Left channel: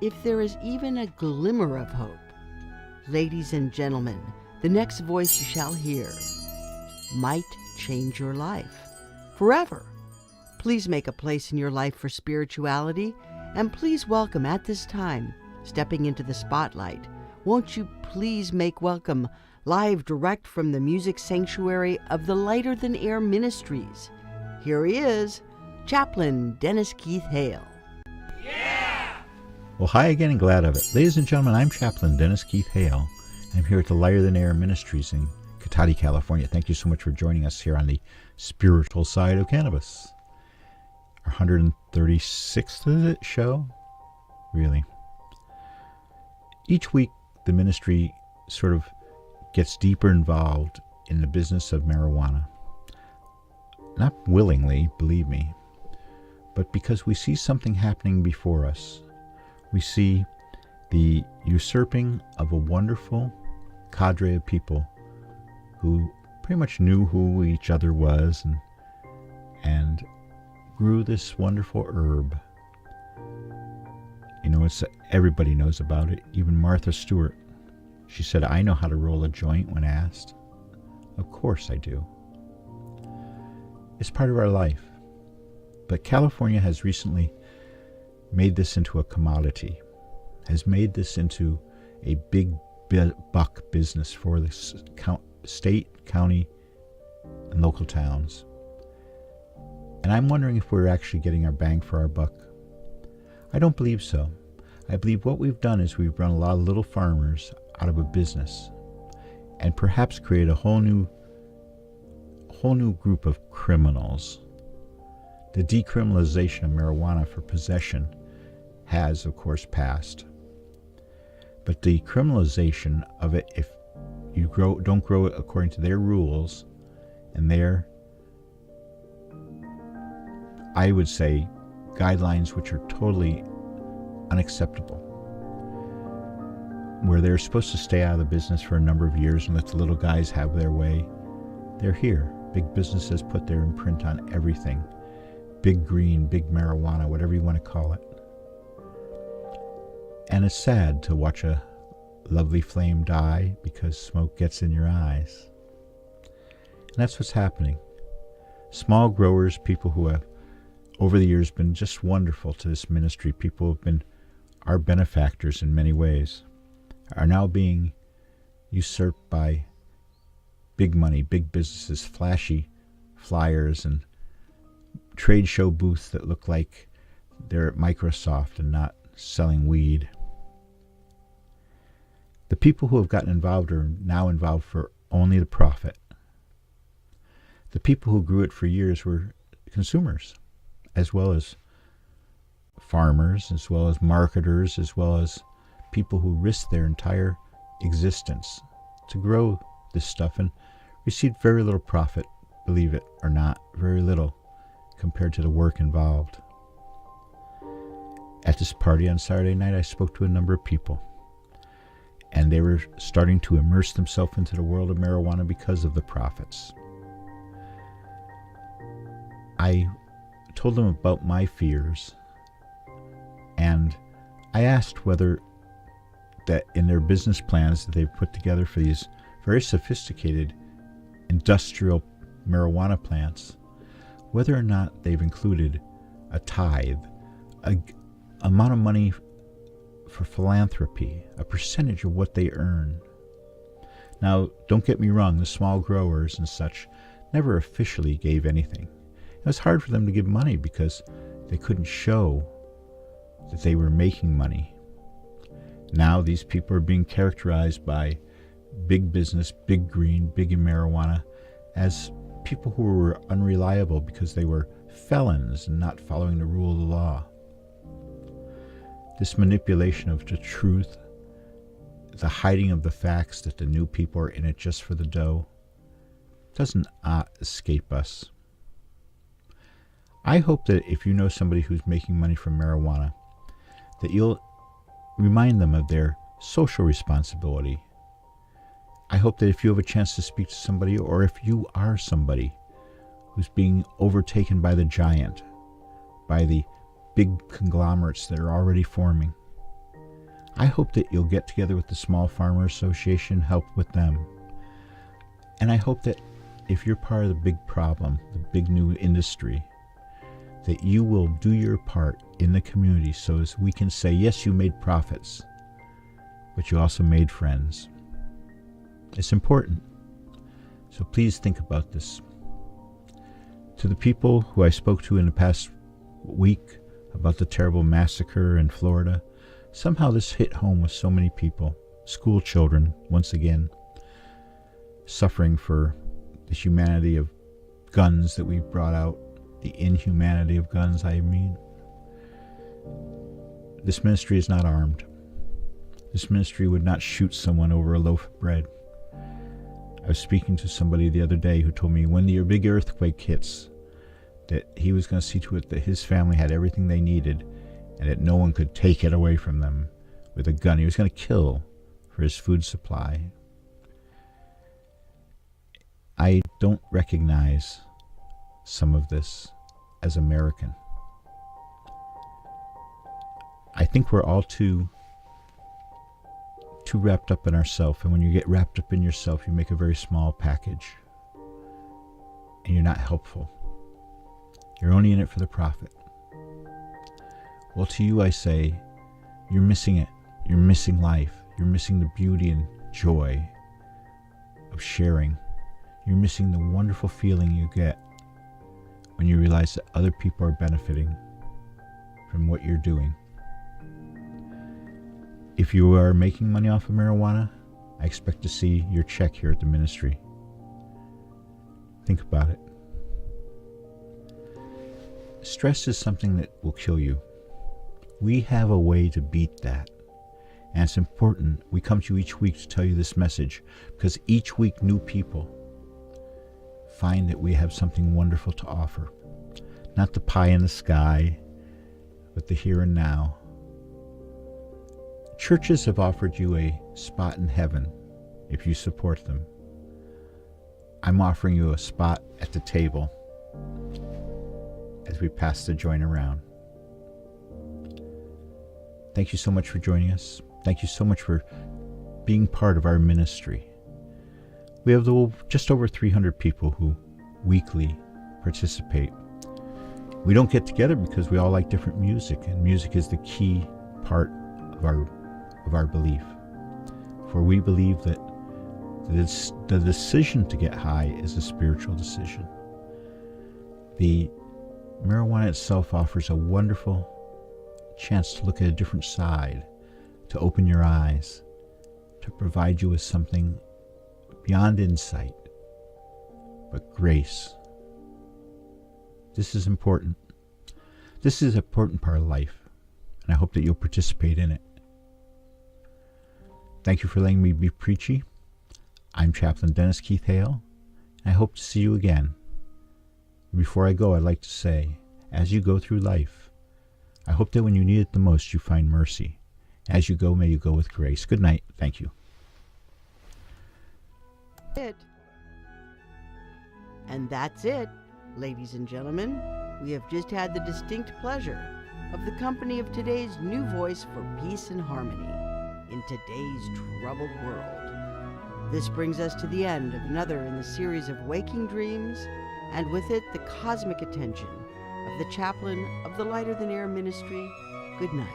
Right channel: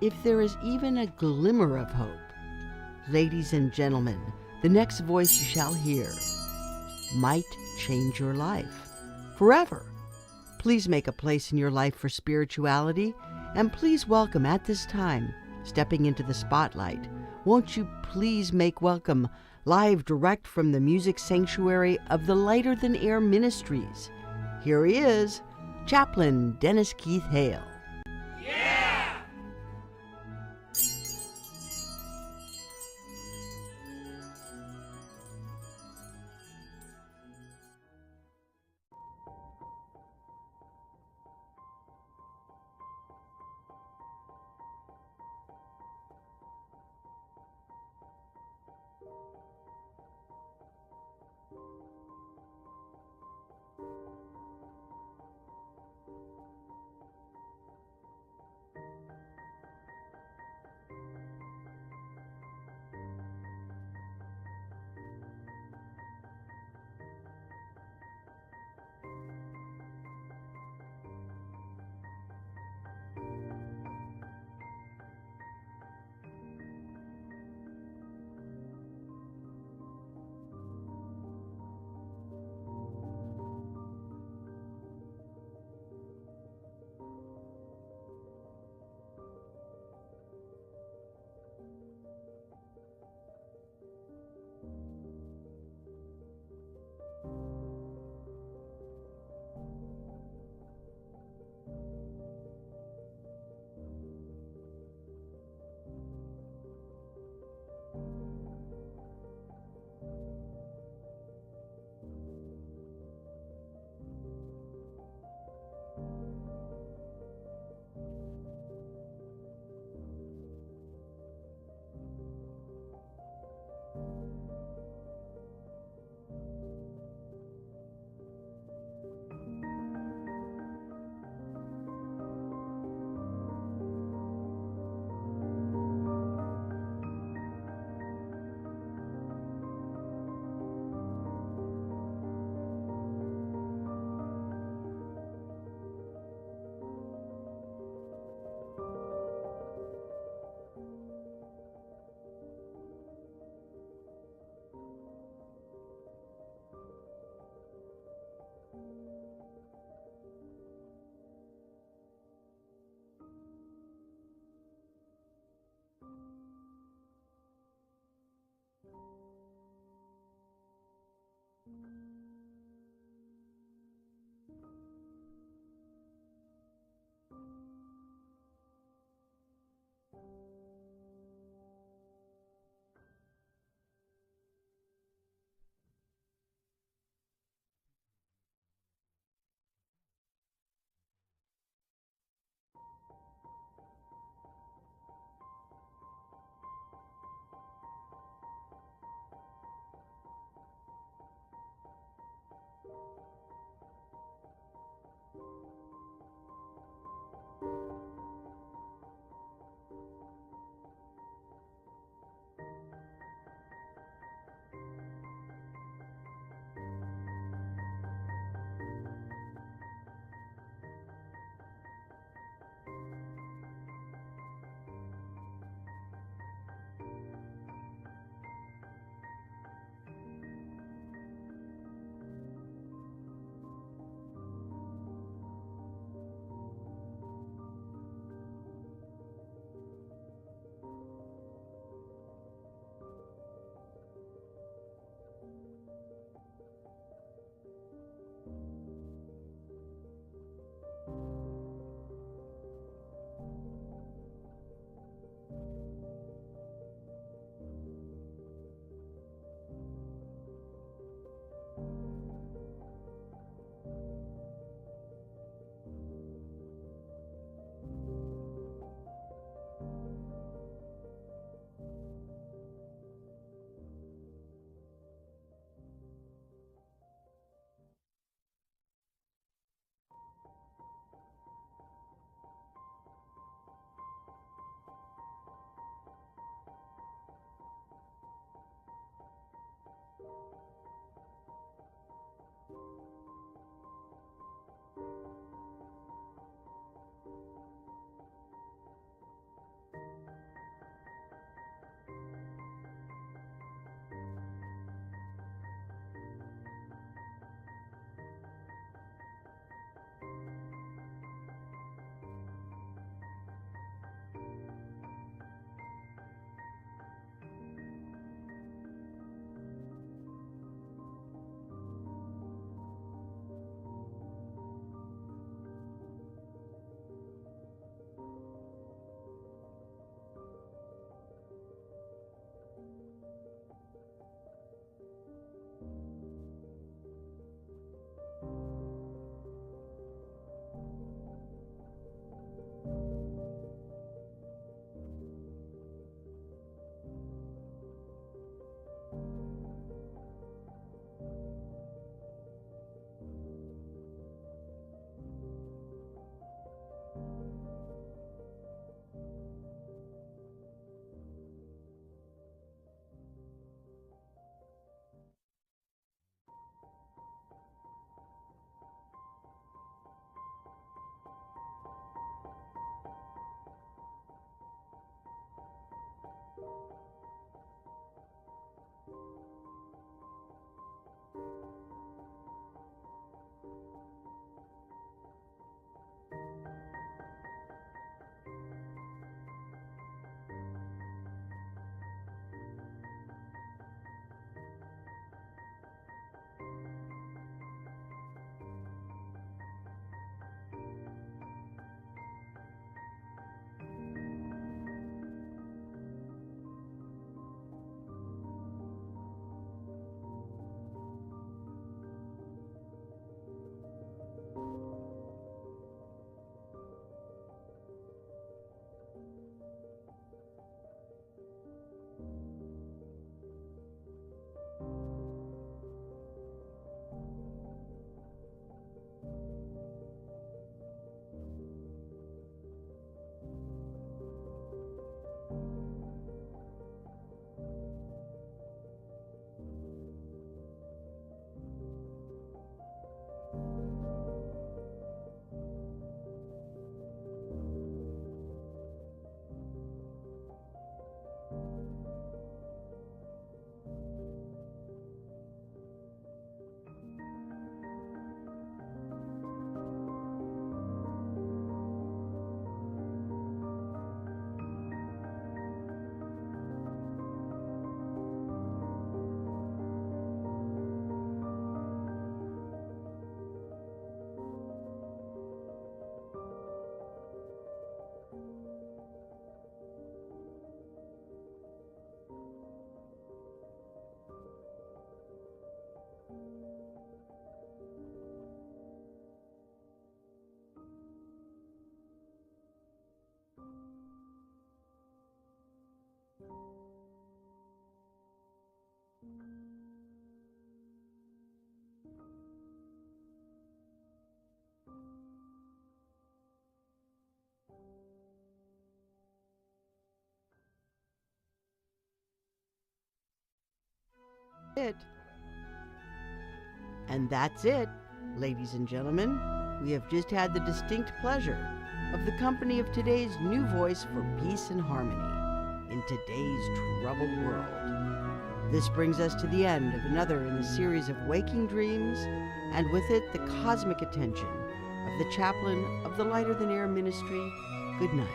If there is even a glimmer of hope, ladies and gentlemen, the next voice you shall hear might change your life forever. Please make a place in your life for spirituality, and please welcome at this time, stepping into the spotlight, won't you please make welcome, live direct from the music sanctuary of the Lighter Than Air Ministries. Here he is, Chaplain Dennis Keith Hale. Well, hi again and glad of it. Ladies and gentlemen, I'm Chaplain Dennis Keith Hale. I'm here at the Lighter Than Air Ministries in Cotati, California. Thank you so much for joining us here on the Spiritual Side of Cannabis. Our 136th show? Really? Each week, the ministry sort of gets deeper involved in the business of marijuana. Not willingly, believe me, but because we see something happening before us. We see the usurping of a wonderful cadre of people who pretty much knew who each other was and grew this wonderful herb. You know, everybody knows about it, even Martha Stewart. She said, "I know how to roll a joint," when asked. Of course I do. It's part of our life. But California has recently made this into a commodity, has made this into a big buck business for the state, county, and local towns. And I'm wondering if we're actually getting our bang for our buck. I don't believe so. I believe what we've done is we've run a lot of little farmers out of a business and perhaps create a whole new group of criminals. The decriminalization of marijuana for possession has, of course, passed. But the criminalization of it, if you don't grow it according to their rules and their, I would say, guidelines which are totally unacceptable, where they're supposed to stay out of the business for a number of years and let the little guys have their way, they're here. Big business has put their imprint on everything. Big green, big marijuana, whatever you want to call it. And it's sad to watch a lovely flame die because smoke gets in your eyes. And that's what's happening. Small growers, people who have over the years been just wonderful to this ministry, people who have been our benefactors in many ways, are now being usurped by big money, big businesses, flashy flyers and trade show booths that look like they're at Microsoft and not selling weed. The people who have gotten involved are now involved for only the profit. The people who grew it for years were consumers, as well as farmers, as well as marketers, as well as people who risked their entire existence to grow this stuff and received very little profit, believe it or not, very little compared to the work involved. At this party on Saturday night, I spoke to a number of people, and they were starting to immerse themselves into the world of marijuana because of the profits. I told them about my fears, and I asked whether that in their business plans that they've put together for these very sophisticated industrial marijuana plants, whether or not they've included a tithe, an amount of money for philanthropy, a percentage of what they earn. Now, don't get me wrong, the small growers and such never officially gave anything. It was hard for them to give money because they couldn't show that they were making money. Now these people are being characterized by big business, big green, big in marijuana, as people who were unreliable because they were felons and not following the rule of the law. This manipulation of the truth, the hiding of the facts that the new people are in it just for the dough, doesn't escape us. I hope that if you know somebody who's making money from marijuana, that you'll remind them of their social responsibility. I hope that if you have a chance to speak to somebody, or if you are somebody who's being overtaken by the giant, by the big conglomerates that are already forming, I hope that you'll get together with the Small Farmer Association, help with them. And I hope that if you're part of the big problem, the big new industry, that you will do your part in the community so as we can say, yes, you made profits, but you also made friends. It's important. So please think about this. To the people who I spoke to in the past week about the terrible massacre in Florida, somehow this hit home with so many people, school children, once again, suffering for the humanity of guns that we brought out, the inhumanity of guns, I mean. This ministry is not armed. This ministry would not shoot someone over a loaf of bread. I was speaking to somebody the other day who told me when the big earthquake hits, that he was going to see to it that his family had everything they needed and that no one could take it away from them with a gun. He was going to kill for his food supply. I don't recognize some of this as American. I think we're all too wrapped up in ourselves, and when you get wrapped up in yourself, you make a very small package, and you're not helpful. You're only in it for the profit. Well, to you I say, you're missing it. You're missing life. You're missing the beauty and joy of sharing. You're missing the wonderful feeling you get when you realize that other people are benefiting from what you're doing. If you are making money off of marijuana, I expect to see your check here at the ministry. Think about it. Stress is something that will kill you. We have a way to beat that. And it's important we come to you each week to tell you this message, because each week new people find that we have something wonderful to offer. Not the pie in the sky, but the here and now. Churches have offered you a spot in heaven if you support them. I'm offering you a spot at the table as we pass the joint around. Thank you so much for joining us. Thank you so much for being part of our ministry. We have just over 300 people who weekly participate. We don't get together because we all like different music, and music is the key part of our belief. For we believe that the decision to get high is a spiritual decision. The marijuana itself offers a wonderful chance to look at a different side, to open your eyes, to provide you with something beyond insight, but grace. This is important. This is an important part of life, and I hope that you'll participate in it. Thank you for letting me be preachy. I'm Chaplain Dennis Keith Hale, and I hope to see you again. Before I go, I'd like to say, as you go through life, I hope that when you need it the most, you find mercy. As you go, may you go with grace. Good night. Thank you. And that's it, ladies and gentlemen. We have just had the distinct pleasure of the company of today's new voice for peace and harmony in today's troubled world. This brings us to the end of another in the series of Waking Dreams, and with it the cosmic attention of the chaplain of the Lighter Than Air ministry. Good night.